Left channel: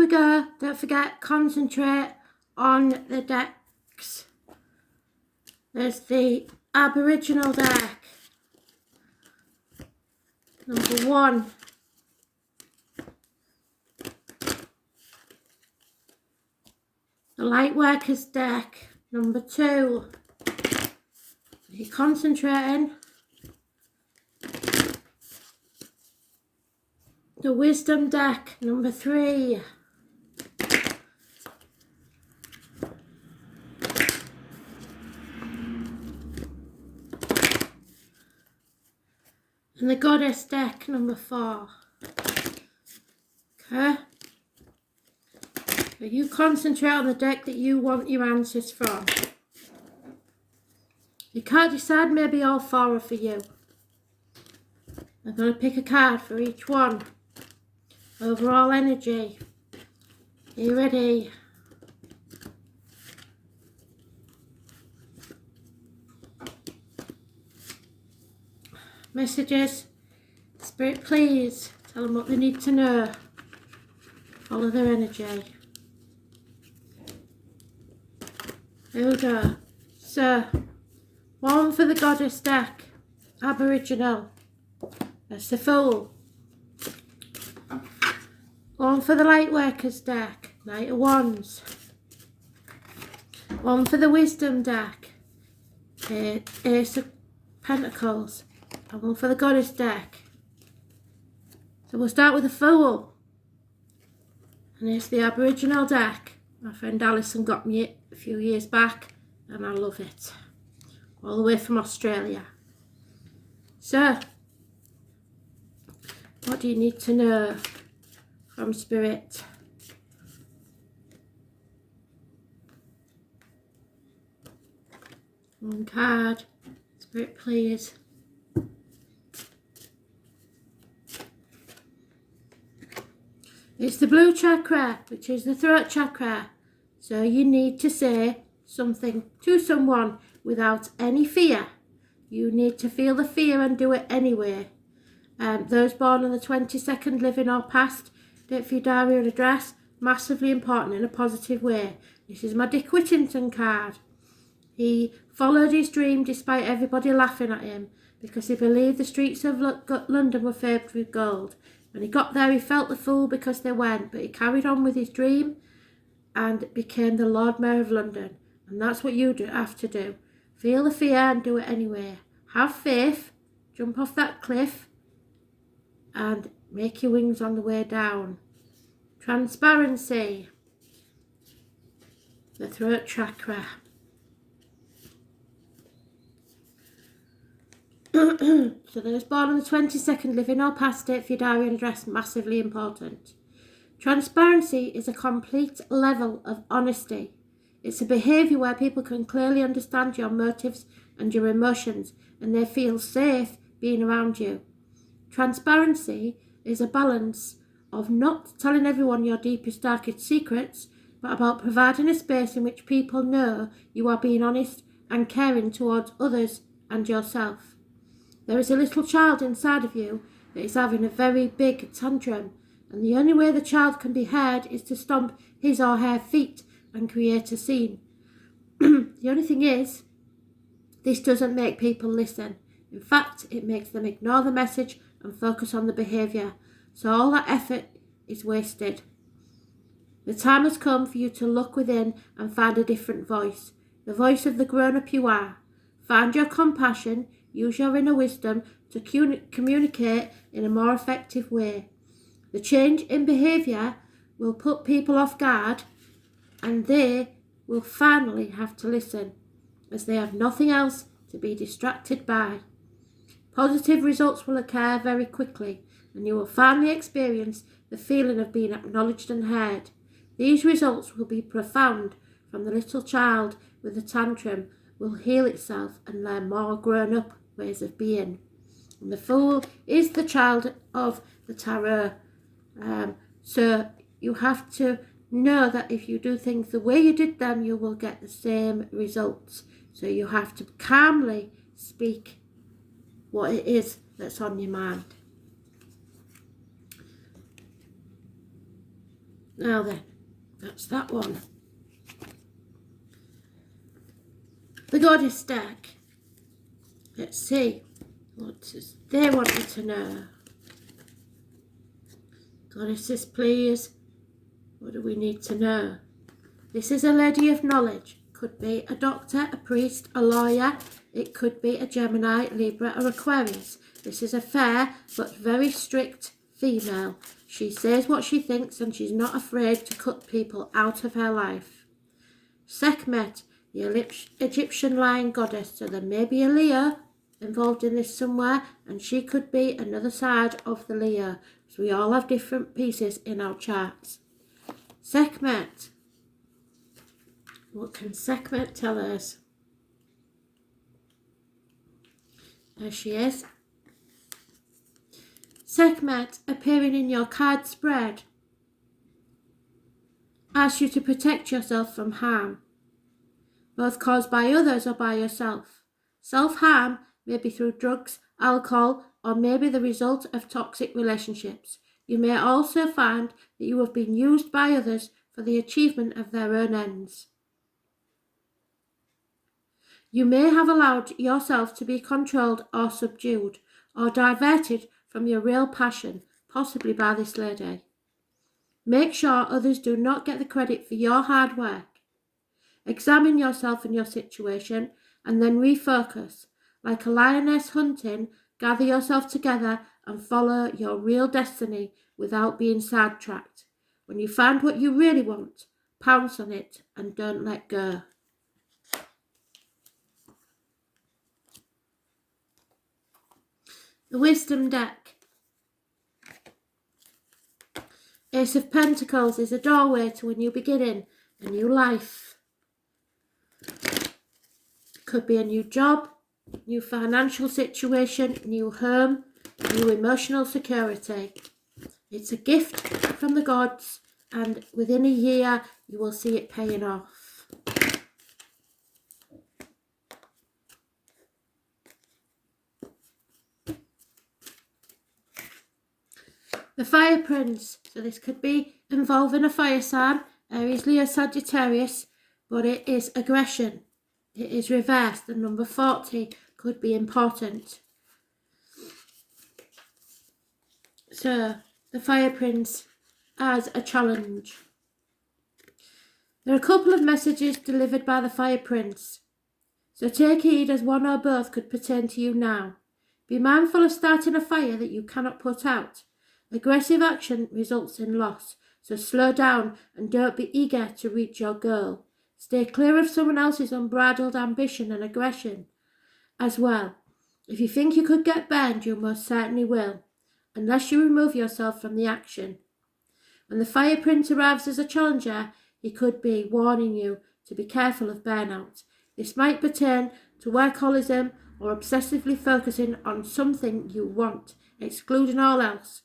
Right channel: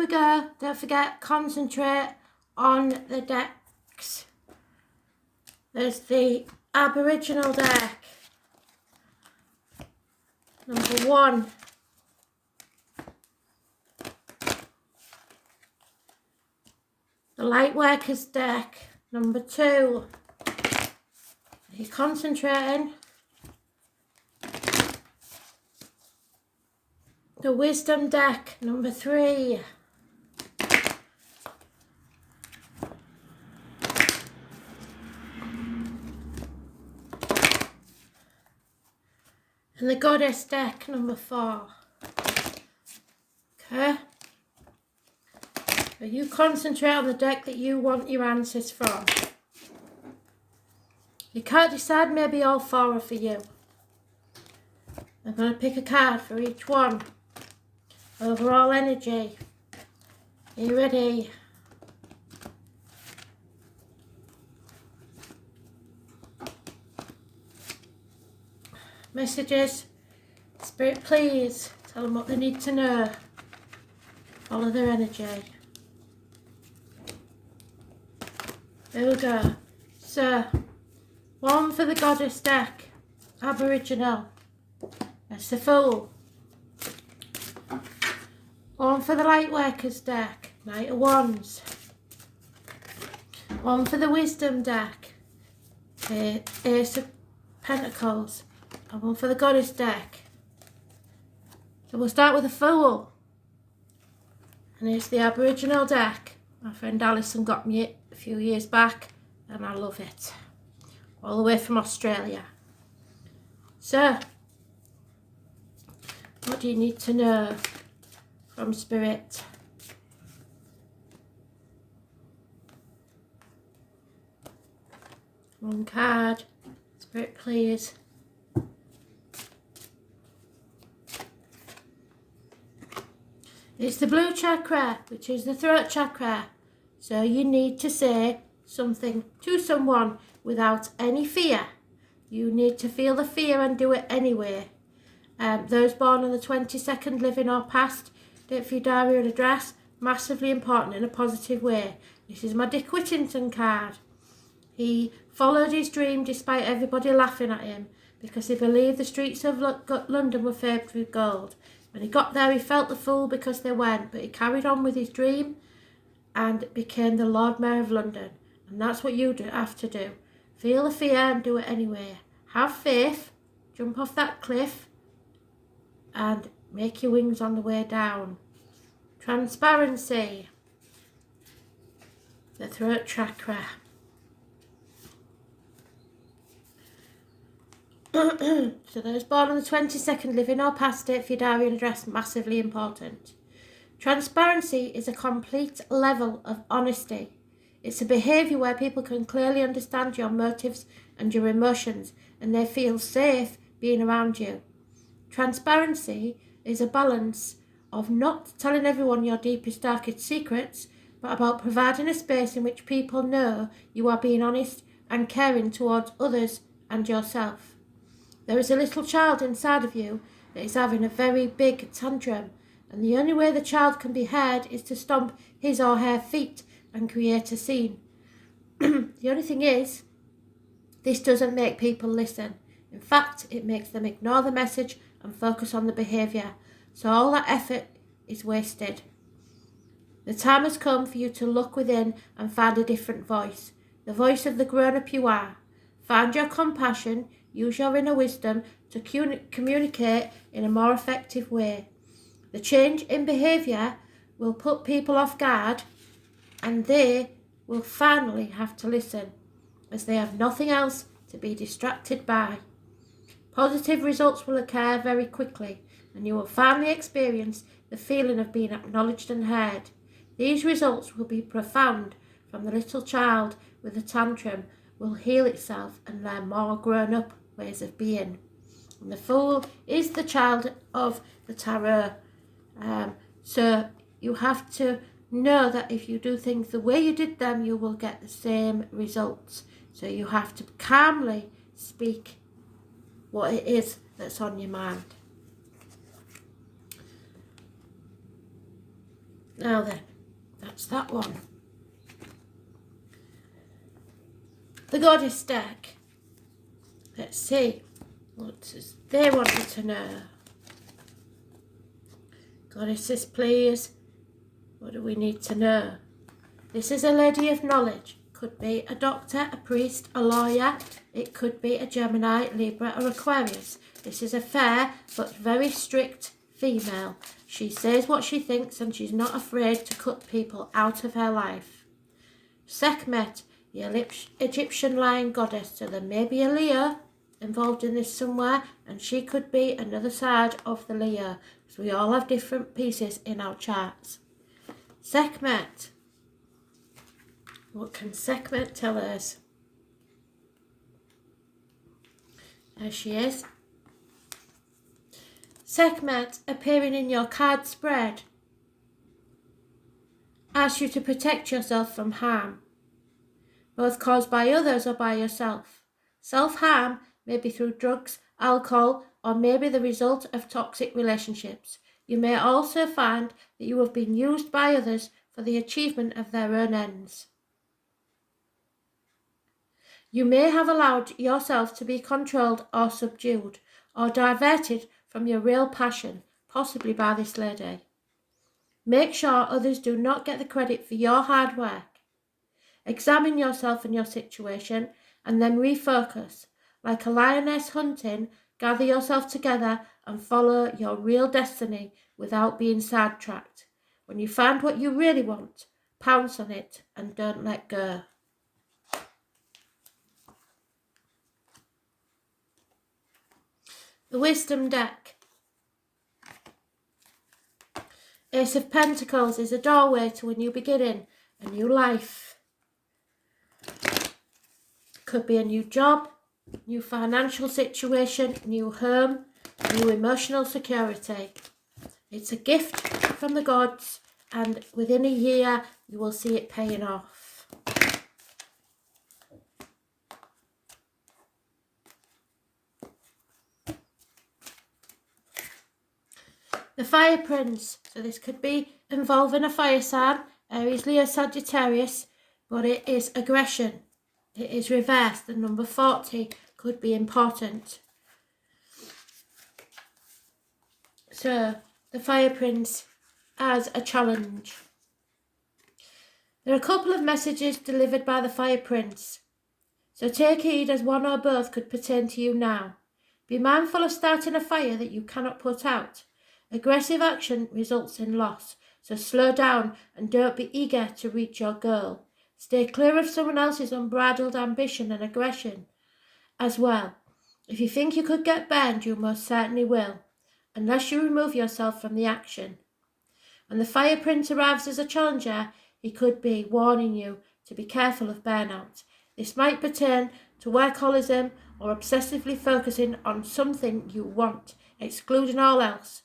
we go. Don't forget, concentrate on the decks. There's the Aboriginal deck. Number 1. The Lightworkers deck. Number 2. Are you concentrating? The Wisdom deck. Number 3. And the Goddess deck. Number 4. Okay. So you concentrate on the deck that you want your answers from. You can't decide, maybe all 4 are for you. I'm going to pick a card for each one. Overall energy. Are you ready? Messages. Spirit, please tell them what they need to know. Follow their energy. There we go. So, 1 for the Goddess deck. Aboriginal. That's the Fool. 1 for the Lightworkers deck. Knight of Wands. 1 for the Wisdom deck. Ace of Pentacles. And 1 for the Goddess deck. So we'll start with the Fool. And it's the Aboriginal deck. My friend Alison got me it a few years back and I love it. All the way from Australia. So, what do you need to know from Spirit? One card. Spirit, please. It's the blue chakra, which is the throat chakra. So you need to say something to someone without any fear. You need to feel the fear and do it anyway. Those born on the 22nd, living or past, date for your diary and address, massively important in a positive way. This is my Dick Whittington card. He followed his dream despite everybody laughing at him because he believed the streets of London were paved with gold. When he got there, he felt the fool because they weren't, but he carried on with his dream and became the Lord Mayor of London. And that's what you have to do. Feel the fear and do it anyway. Have faith, jump off that cliff and make your wings on the way down. Transparency. The throat chakra. So those born on the 22nd, living or past, date for your diary and address, massively important. Transparency is a complete level of honesty. It's a behaviour where people can clearly understand your motives and your emotions and they feel safe being around you. Transparency is a balance of not telling everyone your deepest, darkest secrets, but about providing a space in which people know you are being honest and caring towards others and yourself. There is a little child inside of you that is having a very big tantrum, and the only way the child can be heard is to stomp his or her feet and create a scene. The only thing is, this doesn't make people listen. In fact, it makes them ignore the message and focus on the behaviour. So all that effort is wasted. The time has come for you to look within and find a different voice. The voice of the grown-up you are. Find your compassion, use your inner wisdom to communicate in a more effective way. The change in behaviour will put people off guard and they will finally have to listen as they have nothing else to be distracted by. Positive results will occur very quickly and you will finally experience the feeling of being acknowledged and heard. These results will be profound. From the little child with a tantrum will heal itself and learn more grown-up ways of being. And the Fool is the child of the tarot. So you have to know that if you do things the way you did them, you will get the same results. So you have to calmly speak what it is that's on your mind. Now then, that's that one. The Goddess deck. Let's see what they wanted to know. Goddesses, please. What do we need to know? This is a lady of knowledge. Could be a doctor, a priest, a lawyer. It could be a Gemini, Libra or Aquarius. This is a fair but very strict female. She says what she thinks and she's not afraid to cut people out of her life. Sekhmet, the Egyptian lion goddess. So there may be a Leo involved in this somewhere, and she could be another side of the Leo. So we all have different pieces in our charts. Sekhmet. What can Sekhmet tell us? There she is. Sekhmet appearing in your card spread asks you to protect yourself from harm, both caused by others or by yourself. Self-harm may be through drugs, alcohol, or maybe the result of toxic relationships. You may also find that you have been used by others for the achievement of their own ends. You may have allowed yourself to be controlled or subdued or diverted from your real passion, possibly by this lady. Make sure others do not get the credit for your hard work. Examine yourself and your situation and then refocus. Like a lioness hunting, gather yourself together and follow your real destiny without being sidetracked. When you find what you really want, pounce on it and don't let go. The Wisdom deck. Ace of Pentacles is a doorway to a new beginning, a new life. Could be a new job, new financial situation, new home, new emotional security. It's a gift from the gods, and within a year you will see it paying off. The Fire Prince. So this could be involving a fire sign, Aries, Leo, Sagittarius, but it is aggression. It is reversed. The number 40 could be important. So the Fire Prince as a challenge. There are a couple of messages delivered by the Fire Prince. So take heed, as one or both could pertain to you now. Be mindful of starting a fire that you cannot put out. Aggressive action results in loss, so slow down and don't be eager to reach your goal. Stay clear of someone else's unbridled ambition and aggression as well. If you think you could get burned, you most certainly will, unless you remove yourself from the action. When the Fire Prince arrives as a challenger, he could be warning you to be careful of burnout. This might pertain to workaholism or obsessively focusing on something you want, excluding all else.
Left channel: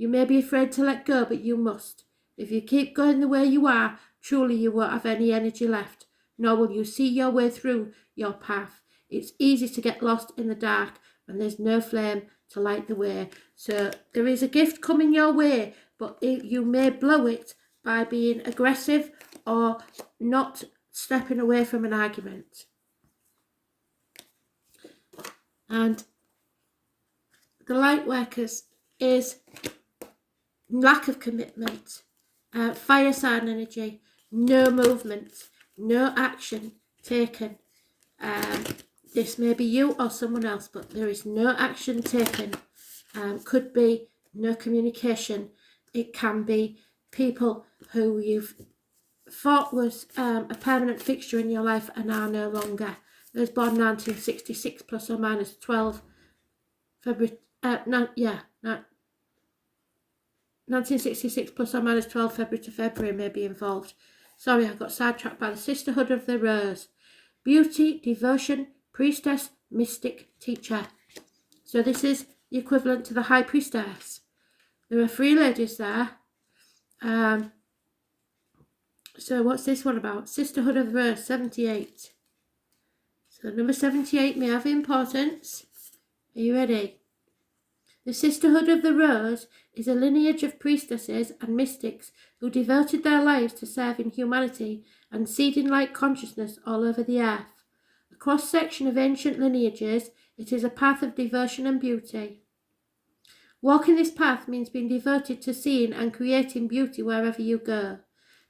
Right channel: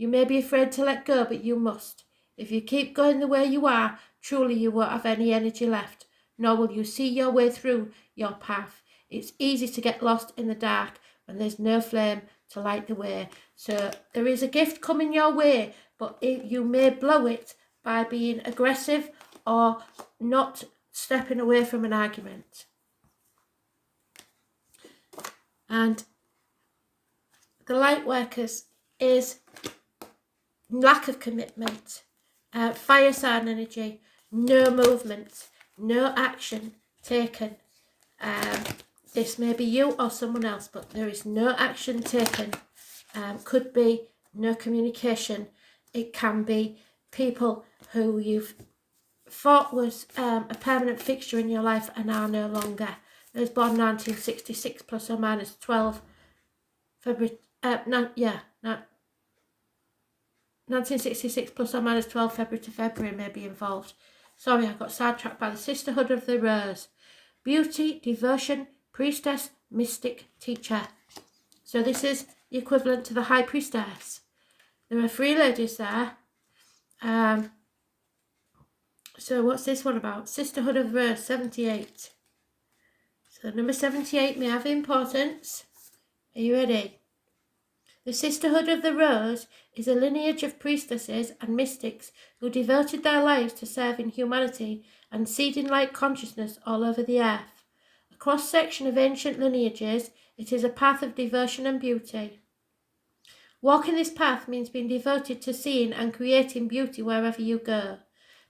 You may be afraid to let go, but you must. If you keep going the way you are, truly you won't have any energy left, nor will you see your way through your path. It's easy to get lost in the dark when there's no flame to light the way. So there is a gift coming your way, but you may blow it by being aggressive or not stepping away from an argument. And the Lightworkers is lack of commitment, fire sign energy, no movement, no action taken. This may be you or someone else, but there is no action taken. Could be no communication. It can be people who you've thought was a permanent fixture in your life and are no longer. There's born 1966 plus or minus 12 February. 1966 plus or minus 12 February to February may be involved. Sorry, I got sidetracked by the Sisterhood of the Rose. Beauty, devotion, priestess, mystic, teacher. So this is the equivalent to the High Priestess. There are 3 ladies there. So what's this one about? Sisterhood of the Rose, 78. So number 78 may have importance. Are you ready? The Sisterhood of the Rose is a lineage of priestesses and mystics who devoted their lives to serving humanity and seeding light consciousness all over the earth. A cross-section of ancient lineages, it is a path of devotion and beauty. Walking this path means being devoted to seeing and creating beauty wherever you go.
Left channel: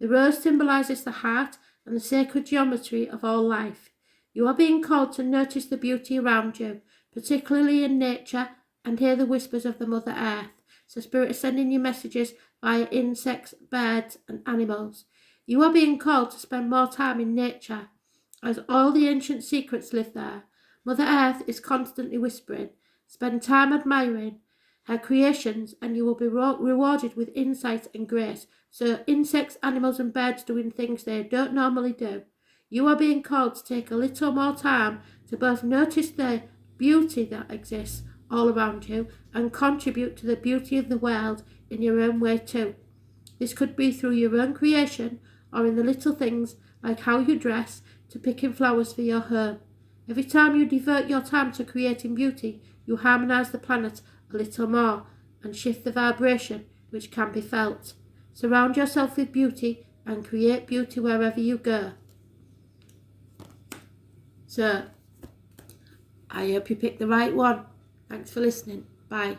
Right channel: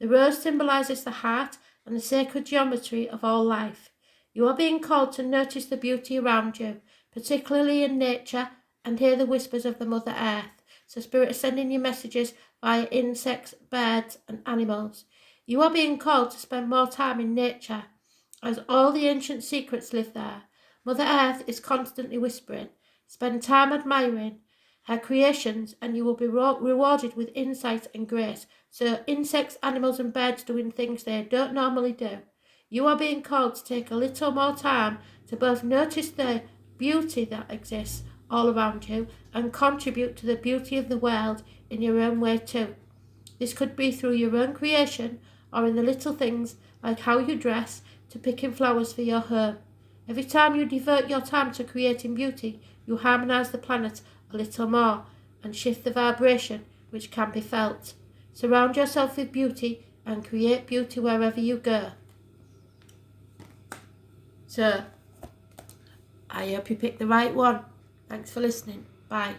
The rose symbolises the heart and the sacred geometry of all life. You are being called to notice the beauty around you, particularly in nature, and hear the whispers of the Mother Earth. So Spirit is sending you messages via insects, birds and animals. You are being called to spend more time in nature, as all the ancient secrets live there. Mother Earth is constantly whispering. Spend time admiring her creations and you will be rewarded with insight and grace. So insects, animals and birds doing things they don't normally do. You are being called to take a little more time to both notice the beauty that exists all around you and contribute to the beauty of the world in your own way too. This could be through your own creation or in the little things like how you dress to picking flowers for your home. Every time you devote your time to creating beauty, you harmonise the planet a little more and shift the vibration which can be felt. Surround yourself with beauty and create beauty wherever you go. So, I hope you picked the right one. Thanks for listening. Bye.